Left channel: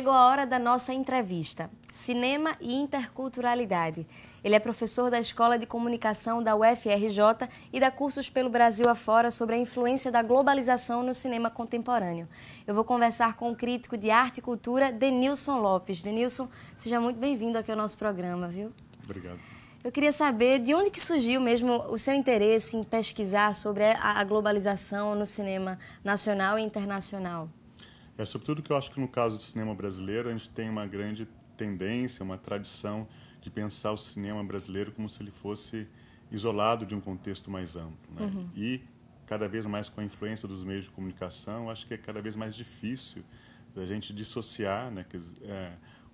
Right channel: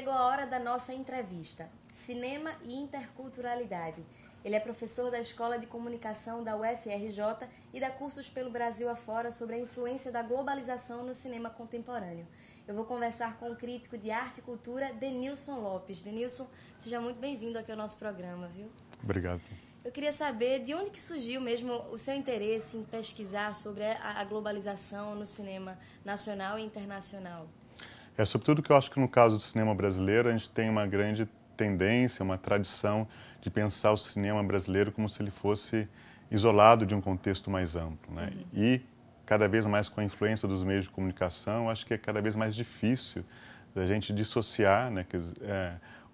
chegou a hora da nossa entrevista. Cinema e interculturalidade. Ele é professor da Escola de Comunicação da UFRJ e dá cursos pelo Brasil afora sobre a influência da globalização no cinema contemporâneo. Eu vou conversar com o crítico de arte e cultura, Denilson Lopes. Denilson, seja muito bem-vindo aqui ao nosso programa, viu? Obrigado. Eu queria saber de onde que surgiu mesmo o seu interesse em pesquisar sobre a globalização no cinema nacional e internacional. Sobretudo que eu acho que no caso do cinema brasileiro a gente tem uma grande tendência, uma tradição de pensar o cinema brasileiro como se ele fosse isolado de um contexto mais amplo, né? E cada vez mais com a influência dos meios de comunicação, acho que é cada vez mais difícil da gente dissociar, né,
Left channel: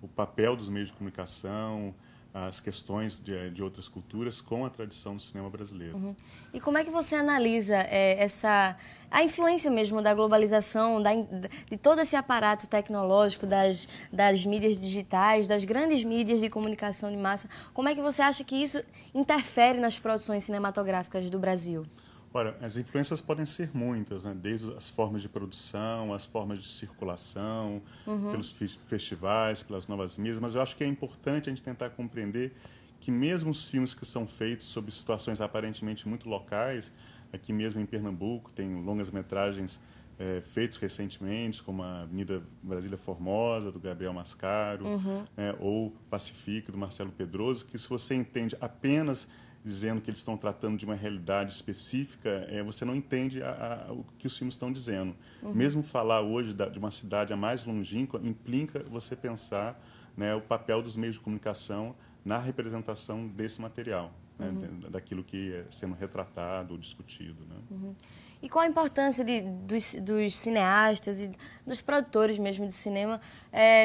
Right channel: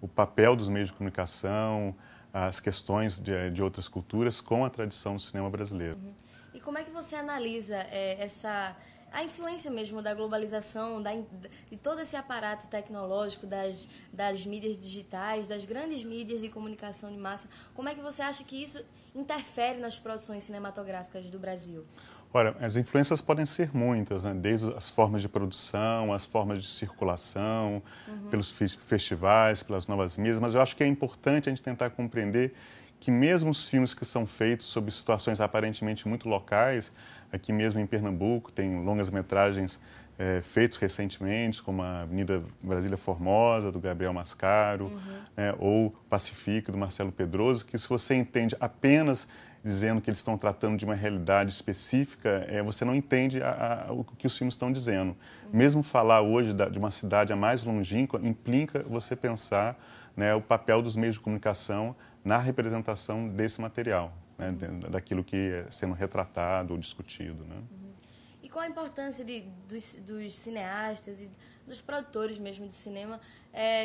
o papel dos meios de comunicação, as questões de outras culturas com a tradição do cinema brasileiro. E como é que você analisa a influência mesmo da globalização, de todo esse aparato tecnológico, das mídias digitais, das grandes mídias de comunicação de massa? Como é que você acha que isso interfere nas produções cinematográficas do Brasil? Ora, as influências podem ser muitas, né? Desde as formas de produção, as formas de circulação, pelos festivais, pelas novas mídias, mas eu acho que é importante a gente tentar compreender que mesmo os filmes que são feitos sob situações aparentemente muito locais, aqui mesmo em Pernambuco tem longas-metragens feitos recentemente, como a Avenida Brasília Formosa, do Gabriel Mascaro, né? Ou Pacifique, do Marcelo Pedroso, que se você entende apenas dizendo que eles estão tratando de uma realidade específica, você não entende o que os filmes estão dizendo. Mesmo falar hoje de uma cidade a mais longínqua implica você pensar, né, o papel dos meios de comunicação na representação desse material, né, daquilo que é sendo retratado ou discutido, né? E qual a importância dos cineastas e dos produtores mesmo de cinema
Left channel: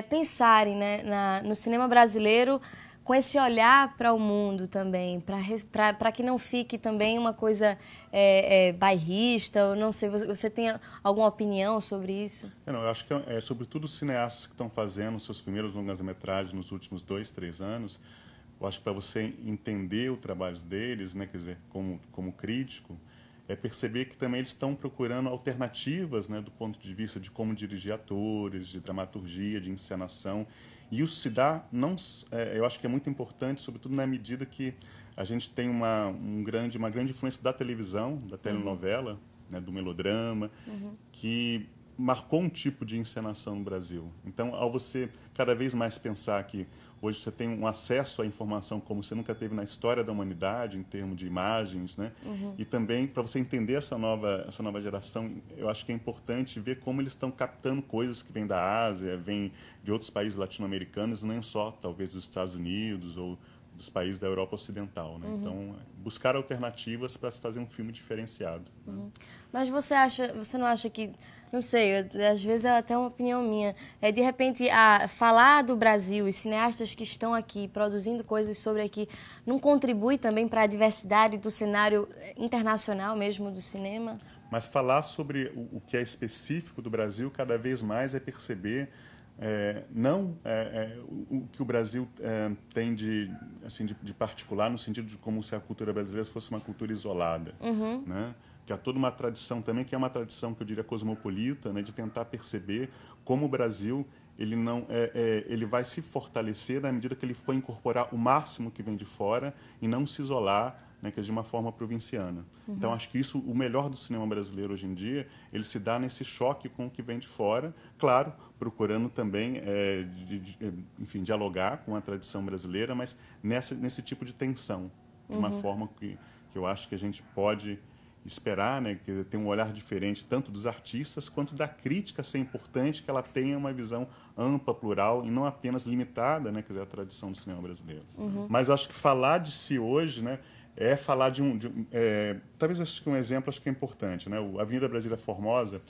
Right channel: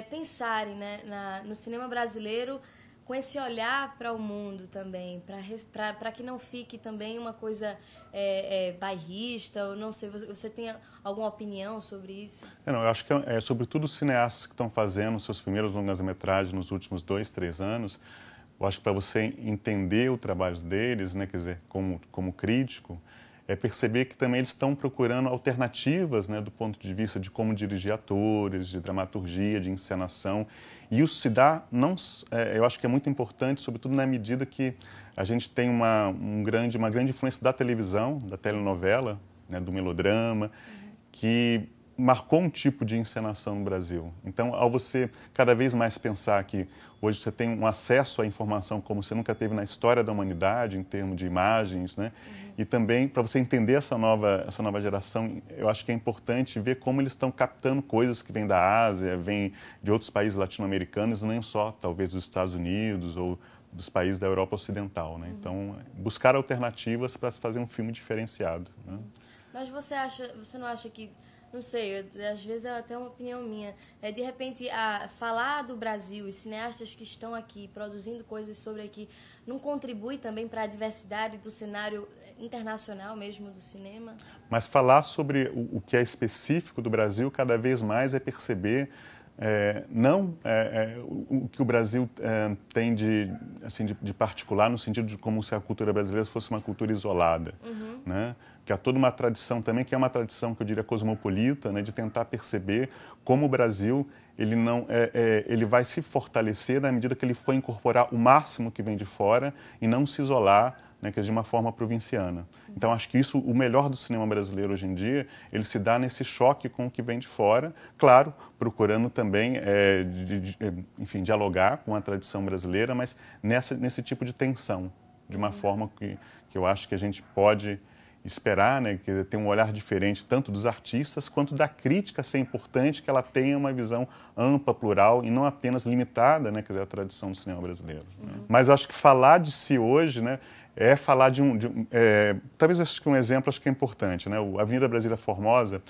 pensarem, né, no cinema brasileiro com esse olhar para o mundo também, para que não fique também uma coisa bairrista, ou não sei, você tem alguma opinião sobre isso? Eu acho que, sobretudo, os cineastas que estão fazendo seus primeiros longas-metragens nos últimos 2, 3 anos, eu acho que para você entender o trabalho deles, né, quer dizer, como crítico, é perceber que também eles estão procurando alternativas, né, do ponto de vista de como dirigir atores, de dramaturgia, de encenação. E isso se dá, eu acho que é muito importante, sobretudo na medida que a gente tem uma grande influência da televisão, da telenovela, né, do melodrama, que marcou um tipo de encenação no Brasil. Então, ao você cada vez mais pensar que hoje você tem um acesso à informação como você nunca teve na história da humanidade, em termos de imagens, né? E também, para você entender essa nova geração, eu acho que é importante ver como eles estão captando coisas que vêm da Ásia, vêm de outros países latino-americanos, nem só, talvez, dos Estados Unidos ou dos países da Europa Ocidental, né? Então, buscar alternativas para se fazer um filme diferenciado, né? Mas você não acha que, não sei, às vezes é até uma opinião minha, de repente falar do Brasil e cineastas que estão aqui produzindo coisas sobre aqui não contribui também para a diversidade do cenário internacional mesmo do cinema? Mas falar sobre o que é específico do Brasil cada vez mais é perceber o que o Brasil tem de particular, no sentido de como se a cultura brasileira fosse uma cultura isolada, né? Que há toda uma tradição também, que é uma tradição que eu diria cosmopolita, né, de tentar perceber como o Brasil ele vai se fortalecer na medida que ele for incorporar o máximo que vem de fora e não se isolar, né, que é de uma forma provinciana. Então, acho que o melhor do cinema brasileiro hoje em dia, ele se dá nesse choque com o que vem de fora, claro, procurando também, enfim, dialogar com a tradição brasileira, mas nesse tipo de tensão, de uma forma que eu acho que a gente pode esperar, né, que ter um olhar diferente tanto dos artistas quanto da crítica ser importante, que ela tenha uma visão ampla, plural e não apenas limitada, né, quer dizer, à tradição do cinema brasileiro. Mas eu acho que falar de si hoje, né, é falar talvez acho que um exemplo acho que é importante, né, o Avenida Brasília Formosa,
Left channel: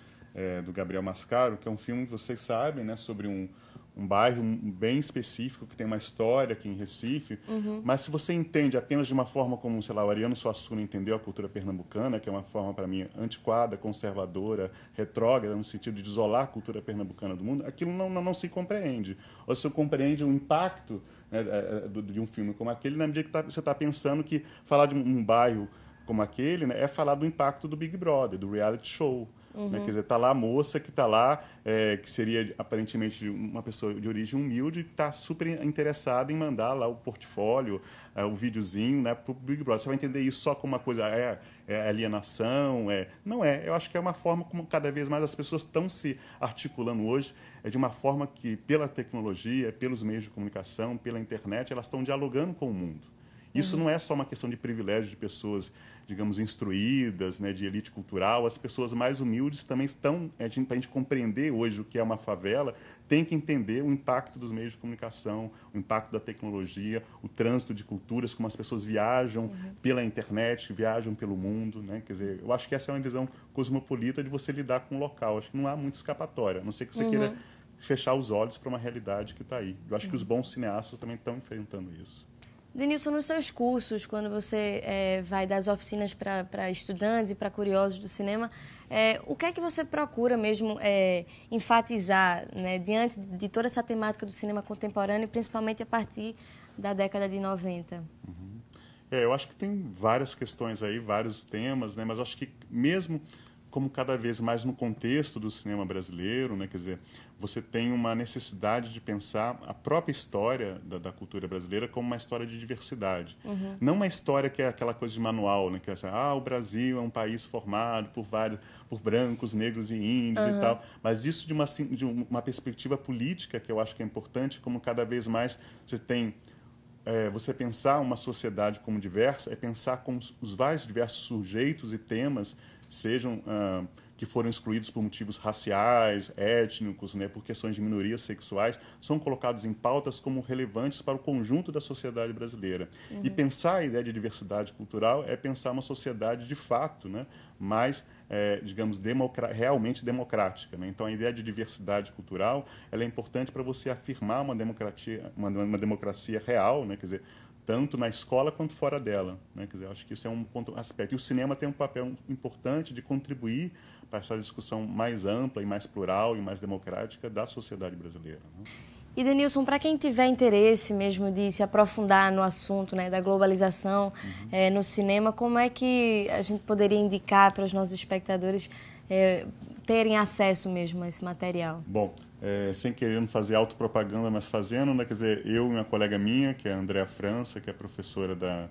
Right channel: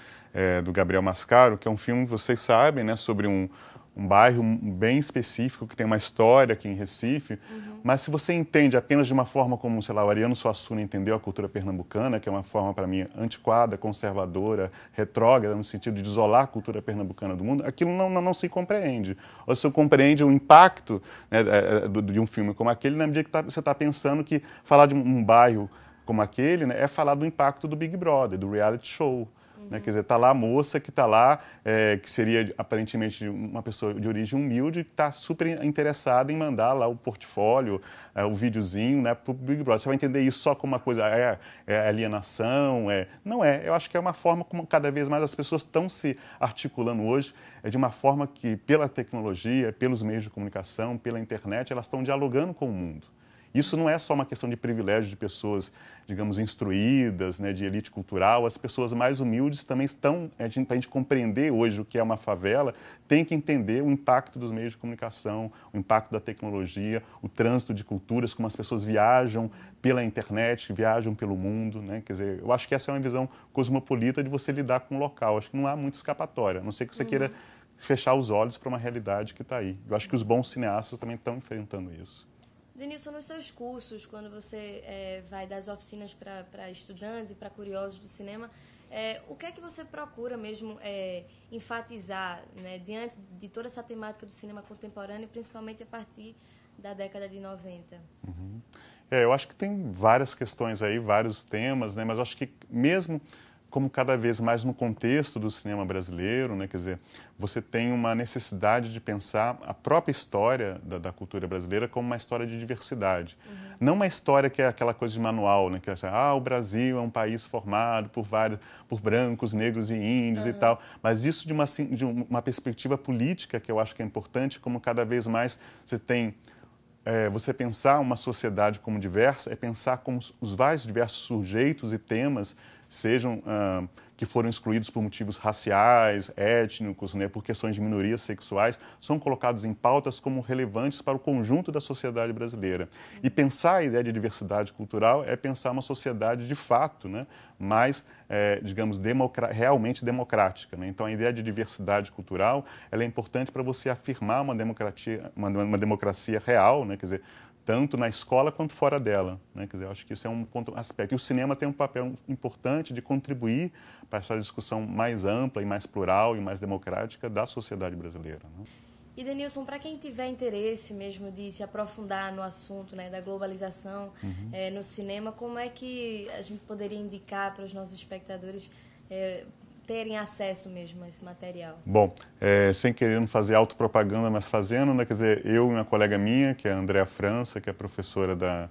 do Gabriel Mascaro, que é um filme, vocês sabem, né, sobre um bairro bem específico, que tem uma história aqui em Recife, mas se você entende apenas de uma forma como, sei lá, o Ariano Suassuna entendeu a cultura pernambucana, que é uma forma, para mim, antiquada, conservadora, retrógrada, no sentido de isolar a cultura pernambucana do mundo, aquilo não se compreende. Ou se compreende o impacto, né, de um filme como aquele, na medida que você está pensando que falar de um bairro como aquele, né, é falar do impacto do Big Brother, do reality show. Né? Quer dizer, está lá a moça que está lá, que seria aparentemente uma pessoa de origem humilde, que está super interessada em mandar lá o portfólio, o videozinho, né, para o Big Brother. Você vai entender isso só como uma coisa, alienação, não é. Eu acho que é uma forma como cada vez mais as pessoas estão se articulando hoje, de uma forma que, pela tecnologia, pelos meios de comunicação, pela internet, elas estão dialogando com o mundo. Isso não é só uma questão de privilégio de pessoas, digamos, instruídas, né, de elite cultural. As pessoas mais humildes também estão, para a gente compreender hoje o que é uma favela, tem que entender o impacto dos meios de comunicação, o impacto da tecnologia, o trânsito de culturas, como as pessoas viajam pela internet, viajam pelo mundo, né? Quer dizer, eu acho que essa é uma visão cosmopolita de você lidar com o local. Acho que não há muito escapatória, a não ser que você queira fechar os olhos para uma realidade que está aí. Eu acho que os bons cineastas também estão enfrentando isso. Denilson, nos seus cursos, quando você vai dar as oficinas para estudantes e para curiosos do cinema, o que é que você procura mesmo enfatizar, né, diante de toda essa temática do cinema contemporâneo, principalmente a partir da década de 90? Eu acho que tem várias questões aí, vários temas, né, mas acho que mesmo como cada vez mais no contexto do cinema brasileiro, né, quer dizer, você tem uma necessidade de pensar a própria história da cultura brasileira como uma história de diversidade. Não uma história que é aquela coisa de manual, né, que é assim, o Brasil é um país formado por brancos, negros e índios e tal, mas isso de uma perspectiva política que eu acho que é importante, como cada vez mais você tem... você pensar uma sociedade como diversa é pensar como os vários diversos sujeitos e temas sejam que foram excluídos por motivos raciais, étnicos, né, por questões de minorias sexuais, são colocados em pautas como relevantes para o conjunto da sociedade brasileira. E pensar a ideia de diversidade cultural é pensar uma sociedade de fato, né, mais, digamos, realmente democrática. Né? Então, a ideia de diversidade cultural ela é importante para você afirmar uma democracia real, né, quer dizer, tanto na escola quanto fora dela, né? Quer dizer, acho que isso é um aspecto. E o cinema tem um papel importante de contribuir para essa discussão mais ampla e mais plural e mais democrática da sociedade brasileira. Né? E, Denilson, para quem tiver interesse mesmo de se aprofundar no assunto, né, da globalização no cinema, como é que a gente poderia indicar para os nossos espectadores terem acesso mesmo a esse material? Bom, sem querer fazer autopropaganda, mas fazendo, né, quer dizer, eu e uma colega minha, que é a Andréa França, que é professora da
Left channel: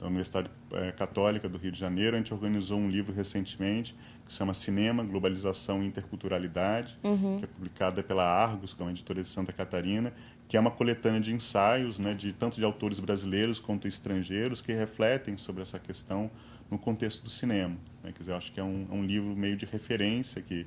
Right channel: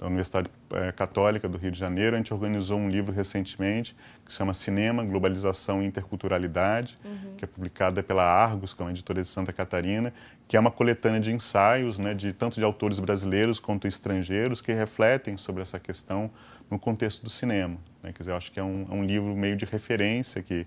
Universidade Católica do Rio de Janeiro, a gente organizou um livro recentemente que se chama Cinema, Globalização e Interculturalidade, que é publicada pela Argos, que é uma editora de Santa Catarina, que é uma coletânea de ensaios, né, tanto de autores brasileiros quanto estrangeiros, que refletem sobre essa questão no contexto do cinema. Né? Quer dizer, eu acho que é um livro meio de referência que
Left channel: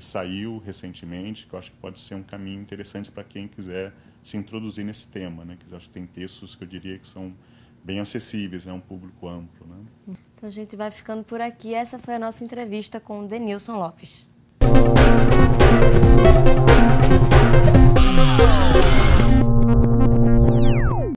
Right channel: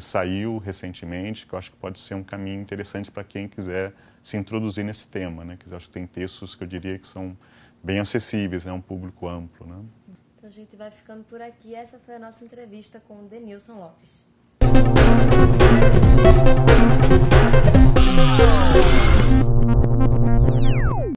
saiu recentemente, que eu acho que pode ser um caminho interessante para quem quiser se introduzir nesse tema. Né? Quer dizer, eu acho que tem textos que eu diria que são bem acessíveis, né? Um público amplo. Né? Então a gente vai ficando por aqui. Essa foi a nossa entrevista com Denilson Lopes.